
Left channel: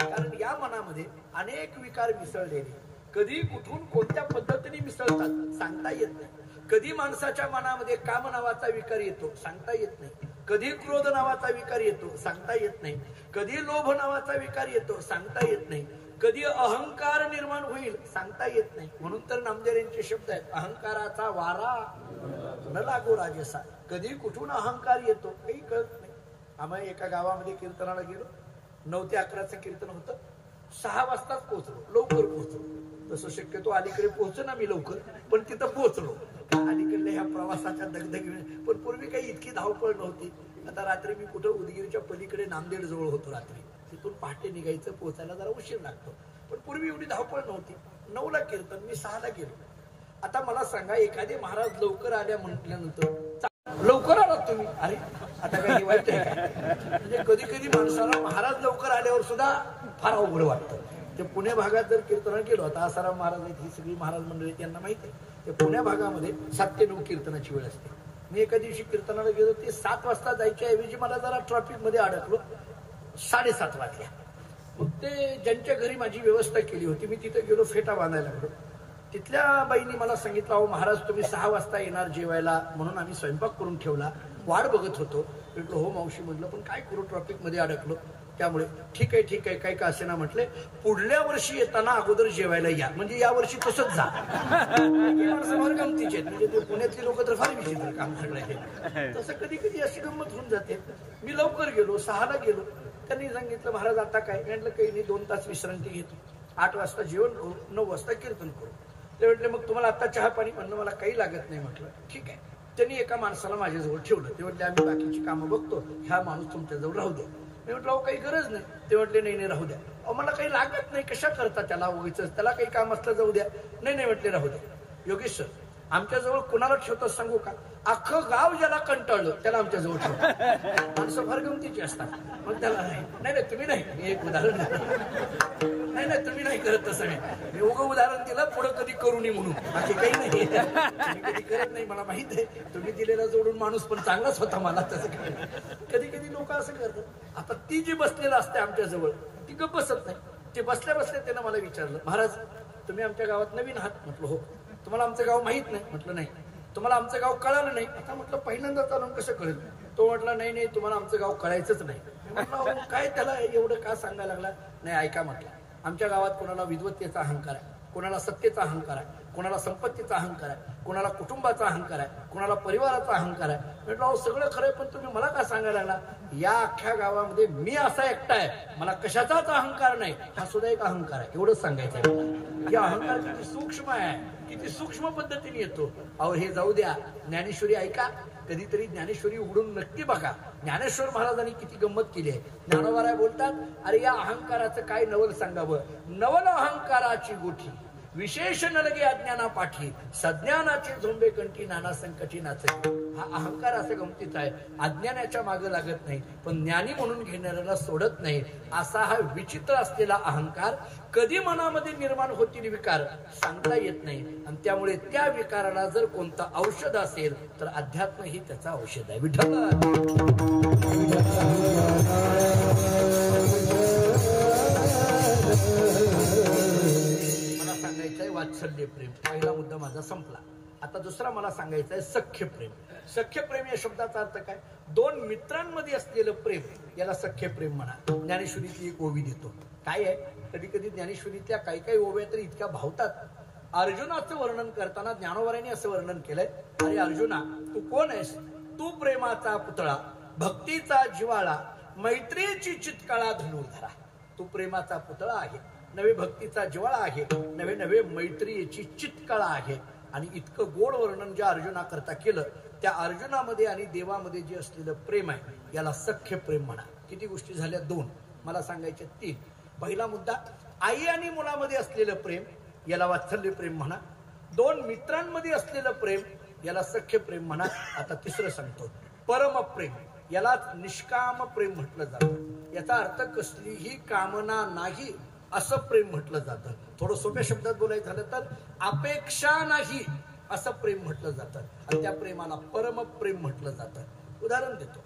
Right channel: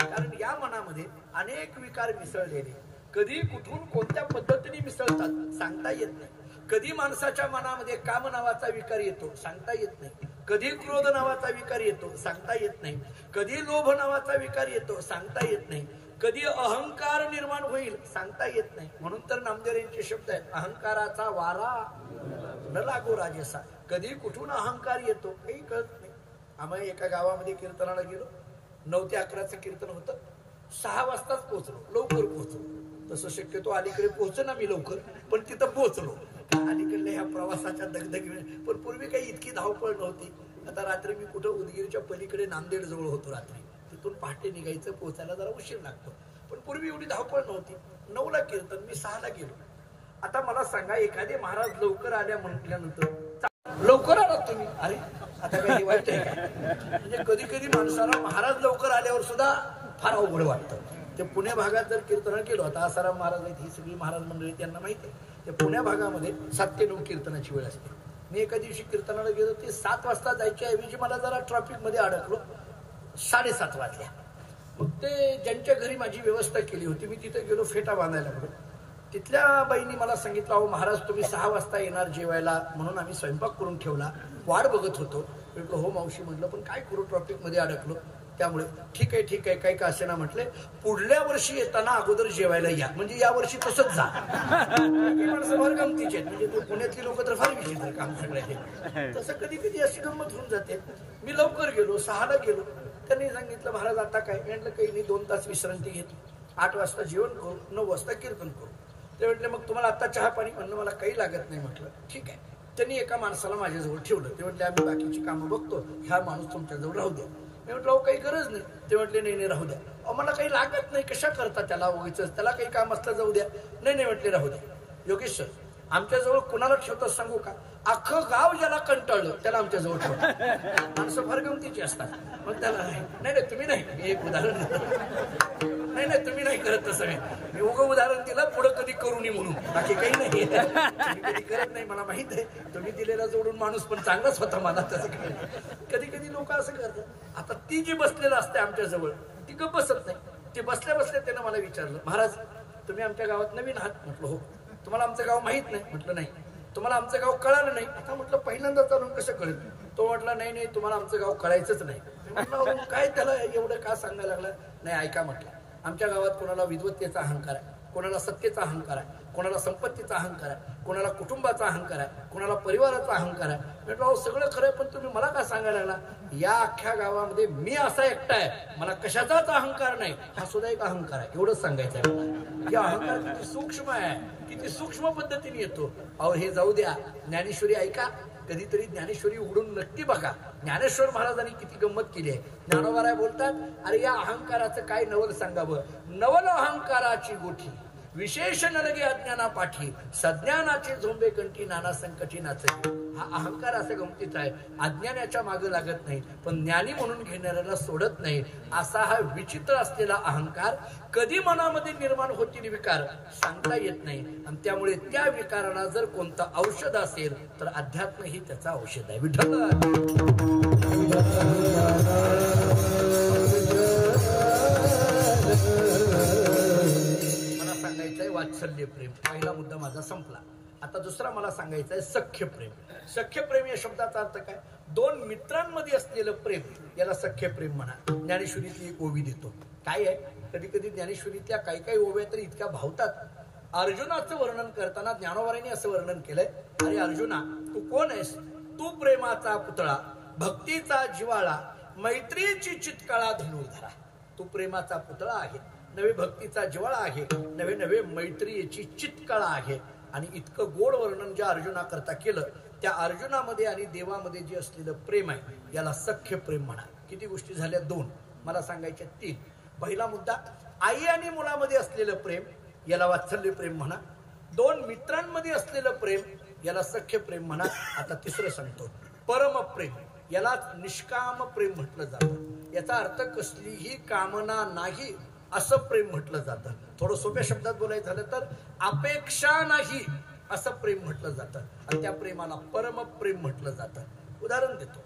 कारण या मनामध्ये अनेक विकार मिसळलेले, कधी कुठून कोणत्या पद्धतीने मिसळतात सांगता येत नाही. कधी माणसाच्या मनामध्ये काम नावाचा विकार येतो, सांगता येत नाही. कधी क्रोध नावाचा विकार येतो, सांगता येत नाही. कधी लोभ नावाचा विकार येतो, सांगता येत नाही. कधी अहंकार निर्माण होईल, सांगता येत नाही. म्हणून तर नामदेव यांचे शब्द आहेत, अहंकाराचा वारा न लागो राजेसा. कधी कुठून अहंकार येतो काही कळत नाही. आम्ही एका गावामध्ये कीर्तनाला गेलो, 9 ते 11चं कीर्तन होतं. 6 वाजताच पोहोचलो, लवकर पोहोचलो. तसं शक्यतो अलीकडे पोहोच ना मी लवकर, पण तिथं पोहोचलो. अलीकडल्या ह्या ह्या प्रवासाच्या दगदगीने, पण पूर्वी काही इतकी धावपळ नव्हती. आता रात्री मी कुठं उदगीरच्या पलीकडे नांदेड जवळ होतो, रात्री तिथून पहाटे निघायचं, पोहोचायला जरा उशीर लागतो. पण पूर्वी एवढी धावपळ नव्हती. 9ला कीर्तन, मी 6ला गेलो. आता मला सांगा, एखादे महाराज लवकर आल्या म्हटल्यानंतर लवकर आलात तुम्ही, अरे आता काय वाईट आहे का? म्हणजे कधी कधी माणसाला महाराज लवकर आल्यावर सुद्धा फार अवघड वाटतं. ते पुणे भागात जर कीर्तन केलं, आता आसाराम महाराज आहेत, ही सगळी महाराज मंडळी त्यांना माहिती आहे, ते पुण्या भागामध्ये 7 ते 9 कीर्तनाची वेळ असते. मी एका दिवशी कीर्तनाला गेलो, ते 7 वाजता जायच्या ऐवजी मला जरा ट्रॅफिकमध्ये अडकलो, 7:30 वाजल्या. मग ते ज्यांच्या घरी माझी व्यवस्था केली होती, मी तिथे गेलो, फेटा बांधायला लागलो. तिथल्या बाईंनी मला सांगितलं, अहो महाराज तुम्ही 6 वाजता येणार जेवायला, म्हणून आम्ही स्वयंपाक करून ठेवला, वाट बघत होतो. म्हटलं हो मावशी, म्हटलं पण काय करू, ट्रॅफिकमध्ये अडकलो, त्यामुळे ठीक आहे काही का असे ना, म्हटले पुढल्या वर्षी येताना अगोदर जेवायला या, म्हणजे या वर्षी तसंच जा. गमतीचे म्हणजे पुण्यातली लोक तर फार विचित्र काम सगळं. तसं कधी कधी अशी गंमत होऊन जाते. मी लवकर गेलो, 6ला गेलो. त्यांनी सांगितलं महाराज आता काय, म्हटलं काही नाही, 2 तास विश्रांती घेतो, 8 वाजता जेवण करू, 9 वाजता कीर्तन करू. ते म्हटले मग तुम्हाला आता चहा पाणी, म्हणलं मला काही लागत नाही. म्हटलं ठीक आहे. त्यांनी एका माणसाला माझ्याजवळ ठेवलं. ते म्हटले आम्ही बाकीची कामं बघतो, ह्या माणूस तुमच्याजवळ राहू द्या. मी म्हटलं अहो काही गरज नाही. ते म्हटले नाही राहू द्या. अहो मला काही लागत नाही, कशा करता त्याला, उगीच त्याला काही काम असलं जाऊ द्या. नाही म्हटले राहू द्या. योगेश सर आमच्याजवळ कुणाला ठेवतात सांगू का, अख्खं गाव ज्याला कंटाळलं त्याला आमच्याजवळ ठेवतात. माणसं फार गमतीची असतात. मग त्याला नाही तुम्ही नाही, एक उदाहरण नाही तुम्ही नाही करत तसं नाही, मी उगं उदाहरण दिलं, पुढं कधी करू नये म्हणून, बाकी काही नाही. कधी करत नाही, मला माहित आहे. तुम्ही दिलेला जोडून माणूस पण चांगलाच होता, मला तसं काही. कधी लोक असं करतात. आता ती जी बसलेलं असते आमच्याजवळ, ती गप्प बसत नाही. ते बसल्या त्यानं मला विचारलं, महाराज तुम्ही आमच्या गावात नवीन आहात. म्हटलं हो. तुम्हाला आमचं गाव माहित नाही. म्हटलं नाही. तुम्हाला आमचं गाव कळालं नाही. आता म्हटलं पहिल्यांदा चालून कसं कळेल. तो म्हटला नाही तुम्हाला आमचं गाव कळायचंच नाही. म्हटलं काय त्याला एवढं का सांगायला लागला. नाही ऐका म्हटलं, आमच्या गावात कोणाला विद्वत्तेचा अहंकार आहे, कोणाला सत्तेचा अहंकार आहे, कोणाला संपत्तीचा अहंकार आहे, कोणाला कुटुंबाचा अहंकार आहे, कोणाला परिवाराचा अहंकार आहे. म्हटलं अहो सगळं खरं, पण तुम्ही मला काय सांगायला लागला. या अख्ख्या गावामध्ये मी असा एकटा आहे, मला कशाचाच अहंकार नाही, हा सुद्धा एक अहंकार आहे, एवढंच सांगायचं आहे. या अहंकार किती सूक्ष्म आहे, किती सूक्ष्म पद्धतीने येतो. अहो हे जाऊ द्या, ज्ञानेश्वरी ऐका, कधीतरी ज्ञानेश्वरी उघडून नक्की बघा. ज्ञानेश्वर महाराजांनी किती गंमत केली आहे. ज्ञानोबाराय बोलतात, अरे या अहंकाराचं काय नवल सांगावं. नवल अहंकाराची गोठी, विशेष न लगे अज्ञाना पाठी, सज्ञानाचे झोंबे कंठी, नाना संकटी नाचते. हा अहंकार असं गमतीचा आहे, अज्ञानाच्या मागे लागत नाही, पण ज्ञानी म्हणून घेणाऱ्याला सोडत नाही. असा हा विचित्र असलेला अहंकार, कधी मनामध्ये निर्माण होतील विकार सांगता येत नाही. आणि त्यामुळे त्या विकाराला जर कोणतं औषध असेल तर अध्यात्म ही त्याचं औषध आहे. विठ्ठल मला सांगायचंय वात्सल्य प्रेम, पहिला मुद्दा माझा संपला. आता दुसरा मला सांगायचा आहे सख्य प्रेम. सख्य प्रेम या शब्दाचा अर्थ काय, 2 मित्रांमध्ये असलेलं प्रेम, याला सख्य प्रेम म्हणा. ज्ञानेश्वरीतली एक ओवी देतो. काय आहे, कधी कधी ज्ञानेश्वरीतल्या काही ओव्या तर इतक्या भावतात. अर्जुनाचं वर्णन करताना ज्ञानोबारांनी असं वर्णन केलंय, अरे अर्जुना तू कोण आहेस, तू प्रेमाचा पुतळा, भक्तीचा जिवाळा, मैत्रीची चितकाळा धनुर्धरा. तू प्रेमाचा पुतळा आहे, नवे भक्तीचा जिवाळा आहे, नवे मैत्रीची चितकाळा आहे. आणि इतकं गोड वर्णन ज्या अर्जुनाकरता केलं, त्या अर्जुनामध्ये आणि देवामध्ये जे असलेलं प्रेम आहे, याला सख्य प्रेम म्हणा. किती गोष्टी झाल्या, 2. मला सांगायच्या 3. पहिला मुद्दा, आई आणि मुलामध्ये असलेलं प्रेम, याला वात्सल्य प्रेम म्हणा. 2 मित्रांमध्ये असलेलं प्रेम, याला सख्य प्रेम म्हणा. आता तिसरं सांगतो, परमप्रेम, याला निष्काम प्रेम म्हटलं जातं. याचा अर्थ कसलीही कामना नाही असं प्रेम म्हटलं जातं. थोडं सोप्या शब्दात बोलायचं झालं तर अपेक्षा नाही असं प्रेम म्हटलं जातं. आणि त्या प्रेमाला परमप्रेम म्हटलं जातं. उदाहरण देतो,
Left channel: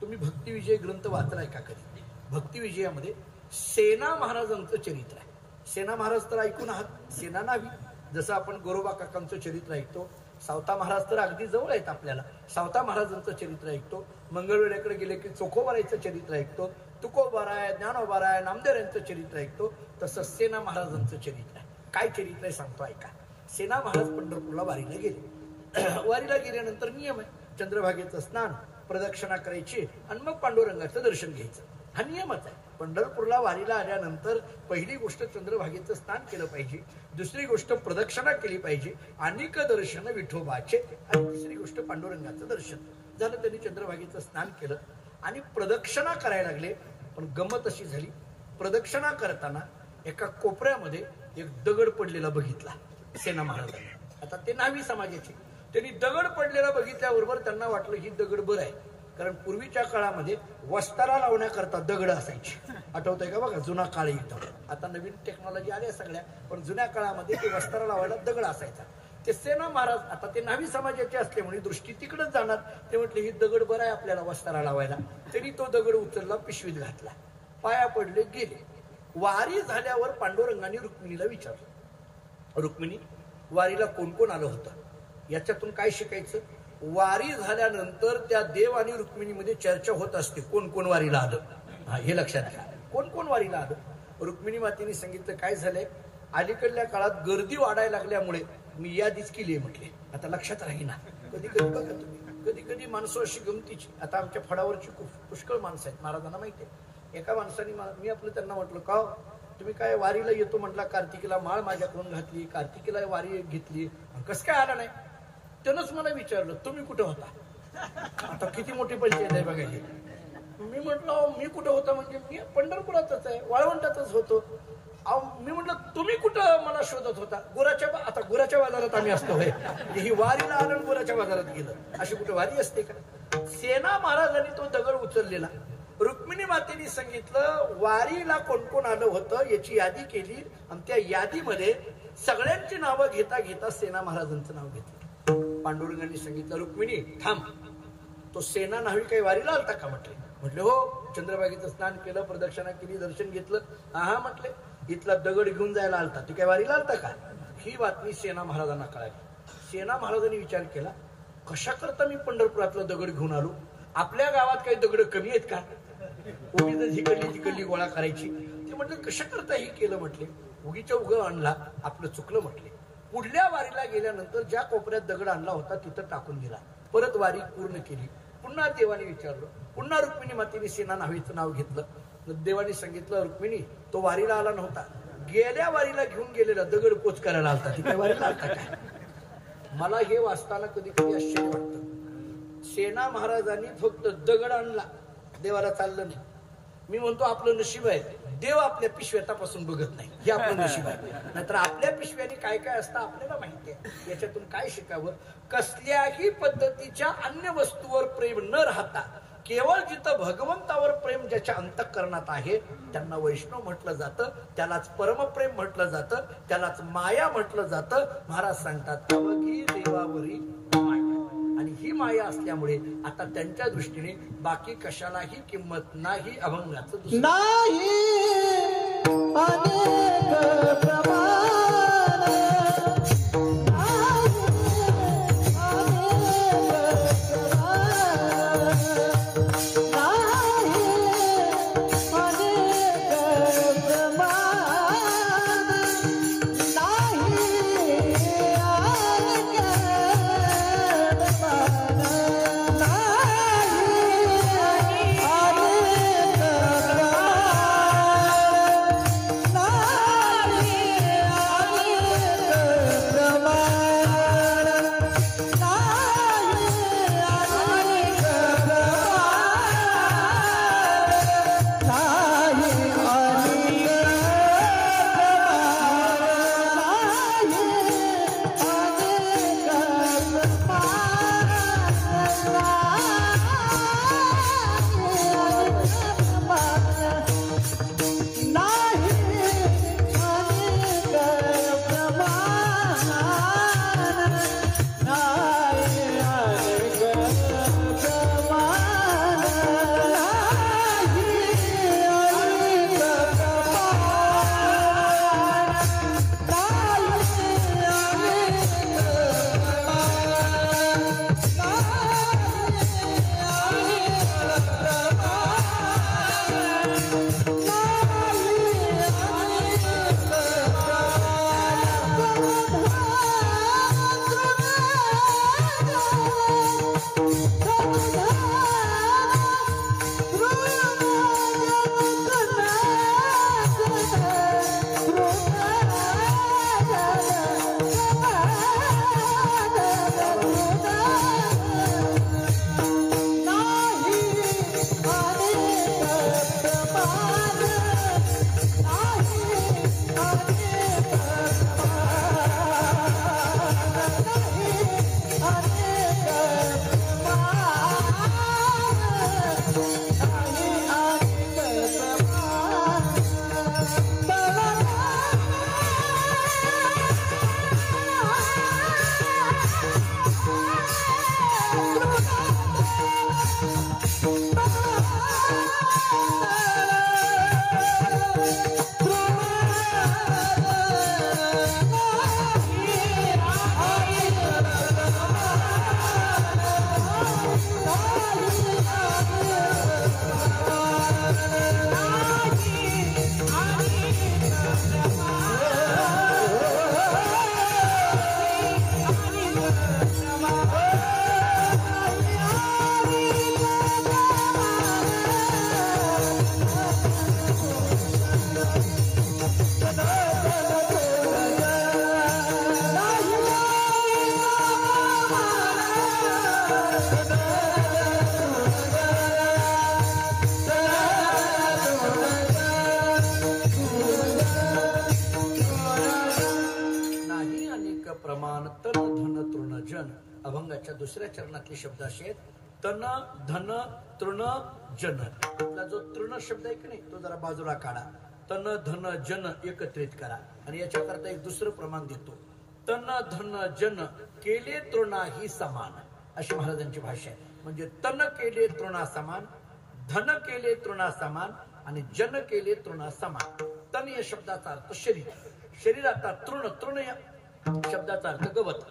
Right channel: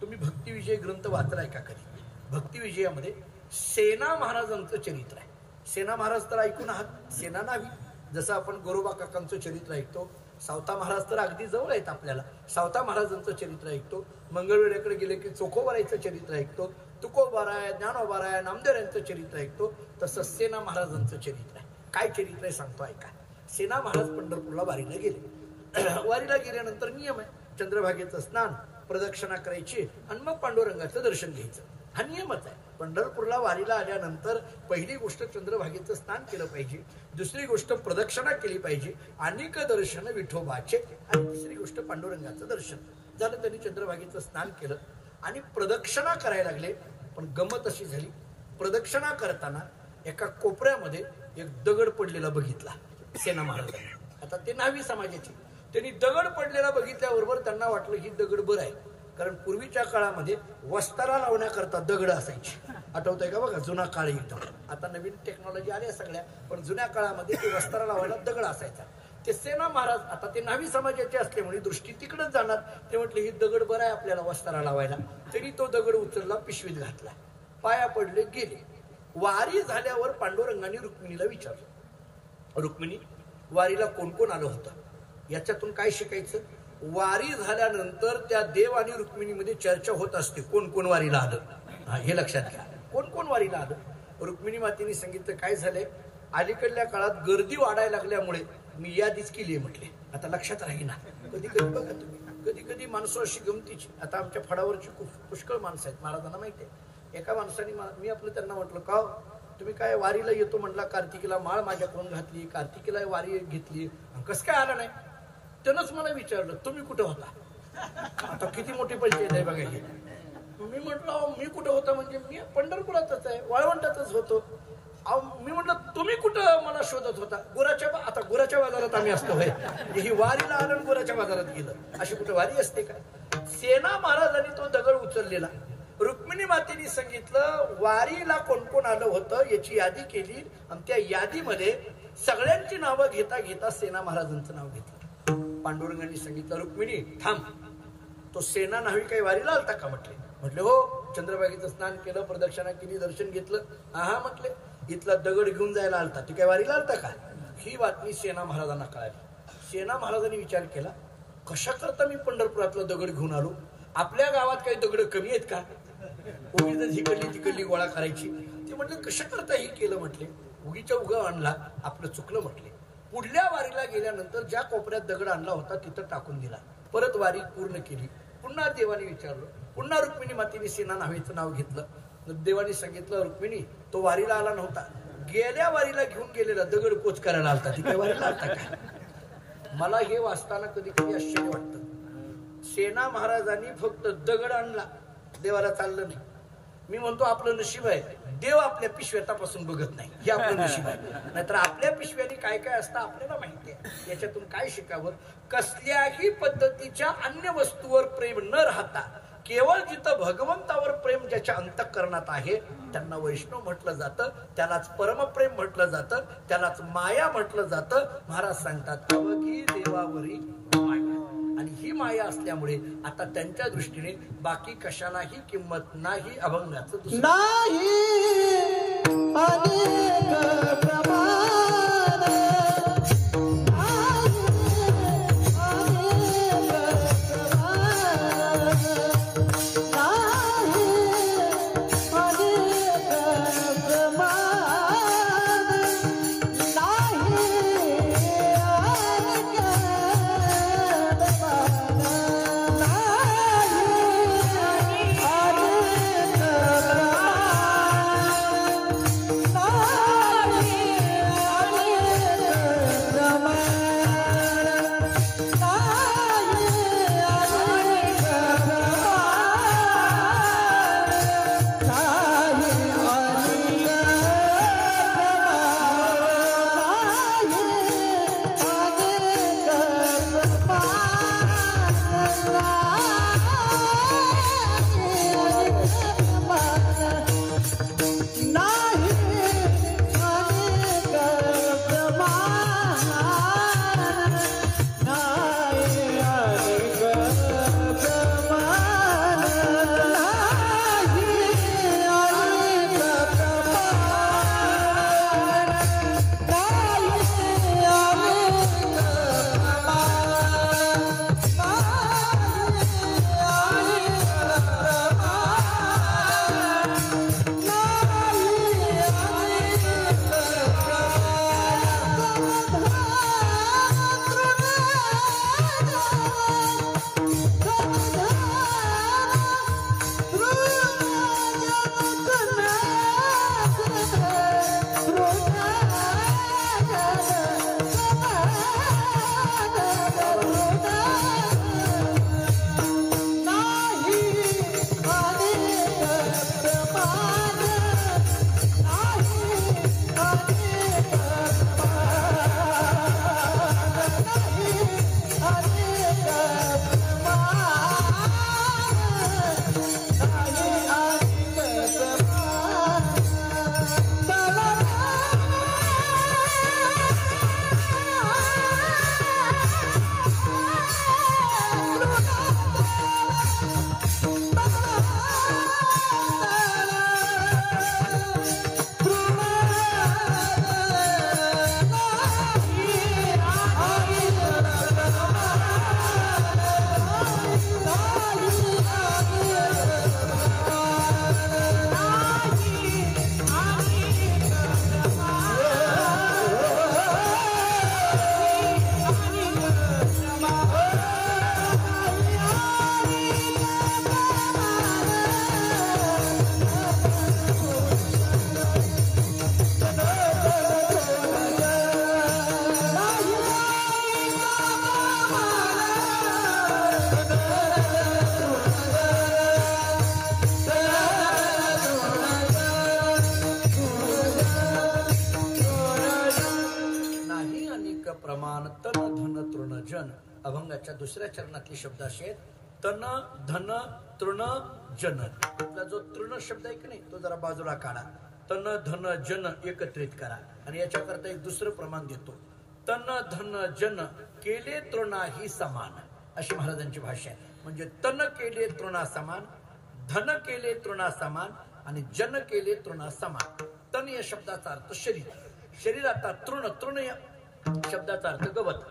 तुम्ही भक्तिविजय ग्रंथ वाचलाय का कधी. भक्तिविजयामध्ये सेना महाराजांचं चरित्र आहे. सेना महाराज तर ऐकून आहात, सेना नावी. जसं आपण गोरोबा काकांचं चरित्र ऐकतो, सावता महाराज तर अगदी जवळ आहेत आपल्याला, सावता महाराजांचं चरित्र ऐकतो. मंगळवेढ्याकडे गेले की चोखोबारायचं चरित्र ऐकतो, तुकोबाराय, ज्ञानोबाराय, नामदेव यांचं चरित्र ऐकतो. तसं सेना महाराजांचं चरित्र आहे. काय चरित्र आहे सांगतो ऐका. सेना महाराज पंढरपूरला वारीला गेले. वारीला गेल्यानंतर नियम आहे, चंद्रभागेचं स्नान, प्रदक्षिणा करायची आणि मग पांडुरंगाचं दर्शन घ्यायचं, हा नियमच आहे. पंढरपूरला वारीला आल्यानंतर पहिली गोष्ट चंद्रभागेचं स्नान केलं पाहिजे, दुसरी गोष्ट प्रदक्षिणा केली पाहिजे, अनेक दर्शन विठोबाचे, आणि तिसरी गोष्ट पांडुरंगाचं दर्शन झालं. त्यांनी चंद्रभागेचं स्नान केलं आणि प्रदक्षिणा करायला लागले. पण गंमत अशी झाली, प्रदक्षिणा करताना एका कोपऱ्यामध्ये एक दगड पडलेला बघितला सेना महाराजांनी. आता ते न्हावी समाजाचे, त्यांनी दगड पडलेला बघितल्याबरोबर त्यांना वाटलं ही दगड बरं आहे, कारण पूर्वीच्या काळामध्ये वस्तारा लावण्याकरता दगड असायची. आठवतंय का बघा, जुना काळ एकदम. आता नवीन टेक्नॉलॉजी आल्या सगळ्या, पण जुन्या काळामध्ये ते वस्तारा लावायला दगड असायचा. ते सेना महाराज आता ते न्हावी समाजाचे असल्यामुळे दृष्टी तिकडेच जाणार. ते म्हटले ही दगड बरं आहे आपल्याला वस्तारा लावायला. त्यांनी तो दगड उचलला, पिशवीत घातला, पाया पडले, गेले. वारी झाल्यावर पांडुरंगाने रुक्मिणीला विचारलं, रुक्मिणी वारीला कोण कोण आलं होतं? याच्यातून काय शिकायचं? वारी झाल्यानंतर त्या देव आणि रुक्मिणीमध्ये चर्चा होत असते, कोण कोण वारीला आलं. हे लक्षात घ्या, कोण कोण वारीला आलं. रुक्मिणी मातेने सांगितलं काय झालंय, अलीकडल्या काळात गर्दी वाढायला लागल्यामुळे मी यादीच केली आहे म्हटले. आता लक्षात राहीना. कधी कधी बघा तुम्ही, कधी कधी माणसं अशी गमतीची. आता आमच्या फडावरची पुष्कळ माणसं आहेत, महाराजांना माहिती आहे. एका माणसाने मी आपलं त्यांना म्हटलं, का तुम्ही काय वारीला येतो म्हटला, कार्तिकीला माळ माझ्याकडून घातली, कार्तिकीला वारी घेतली, कसं काय आला नाही? त्यानंच मला विचारलं तुम्ही कुठे होता. आता किती मोठी पंचायत आहे बघायला. मी म्हटलं मी कुठं होता म्हणजे मी पंढरपुरातच आहे, वाळवंटातच होतो. मी म्हटलं तुम्ही कुठं मला शोधत होता? आता गुराच्या बाजारात आम्ही असतो. ही वारीला आलं गुराच्या बाजारात गेलं, अशी कुठं वारी असते का? सेना महाराजांनी तो दगड उचललेला. रुक्मिणी मातेने सांगितलं वारीला कोण कोण आलं होतं याची यादी केली, आणि त्या यादीमध्ये सगळ्यांची नावं घेता घेता सेना महाराजांचं नाव घेतलं. पांडुरंगाने सांगितलं रुक्मिणी थांब, तो सेना न्हावी काही वारीला आलता का? म्हटले हो, चंद्रभागेचं स्नान केलं, प्रदक्षिणा केली, दर्शन घेतलं. हा म्हटले इथला दगड घेऊन जायला आलता, ती काय वारीला आलता का? ही बातमी सेना महाराजांना कळाली. सेना महाराजांनी विचार केला, कशा करता मी पंढरपुरातला दगड घेऊन आलो? आपल्या गावात काही दगड कमी आहेत का? उगीच जिकडली तिकडली गोळा करायची. ते म्हटले कशा करता हे केलं? म्हटले उगीच्या उगा आणला, आपलं चुकलं. म्हटले पुढल्या वारीला गेल्यानंतर ज्या कोपऱ्यात दगड आणला होता तिथं टाकून दिला. परत वारी पूर्ण केली. पुन्हा देवाने विचारलं, पुन्हा रुक्मिणी मातेने सेना न्हावीचं नाव घेतलं. देवाने सांगितलं रुक्मिणी तो वारीला आला नव्हता, गेल्या वारीला घेऊन गेलेला दगड पोच करायला आलता, तिथे वारीला आलता काय? मला हे वाचताना कधी कधी आश्चर्य वाटतं. सेना महाराजांनी फक्त दगड आणला, देवाला चाललं नाही. मी म्हणतो आपलं नशीब आहे, देव आपल्या पिशव्या तपासून बघत नाही, हे आपलं नशीब आहे. नाहीतर आपल्या पिशव्यानी काय काय असतं आपल्याला माहिती आहे. याच्यातून काय शिकावं? कसल्याही पद्धतीच्या अन्य वस्तूवर प्रेम न राहता केवळ जिथं भगवंतावर प्रेम ज्याच्या अंतःकरणात आहे त्यांना वैष्णव म्हटलं जातं, त्यालाच परमप्रेम म्हटलं जातं, त्यालाच माया म्हटलं जातं. महाराज सांगतात अवघी देवावरी माया, आणि ही माया असल्यामुळे आता त्यांच्या दृष्टीने बाकी कशालाही किंमत नाही. अभंगाचं नाही अनेक प्रमाण अभंगाच्या दुसऱ्या चरणातले शब्द असे आहेत, तन धन तृण जन. आपला जो तृण शब्द आहे की नाही तो जरा बाजूला काढा. तन धन जन एकत्रित करा आणि याच्याकरता एक दुसरं प्रमाण देतो. तन धन जन केले तृणाही समान, अशी महाराजांची भाषा आहे. म्हणजे तन केले तृणा समान, धन केले तृणा समान आणि जन केले तृणा समान. तन या शब्दाचा अर्थ शरीर, शरीराचा तृण, तृण या शब्दाचा अर्थ गवत.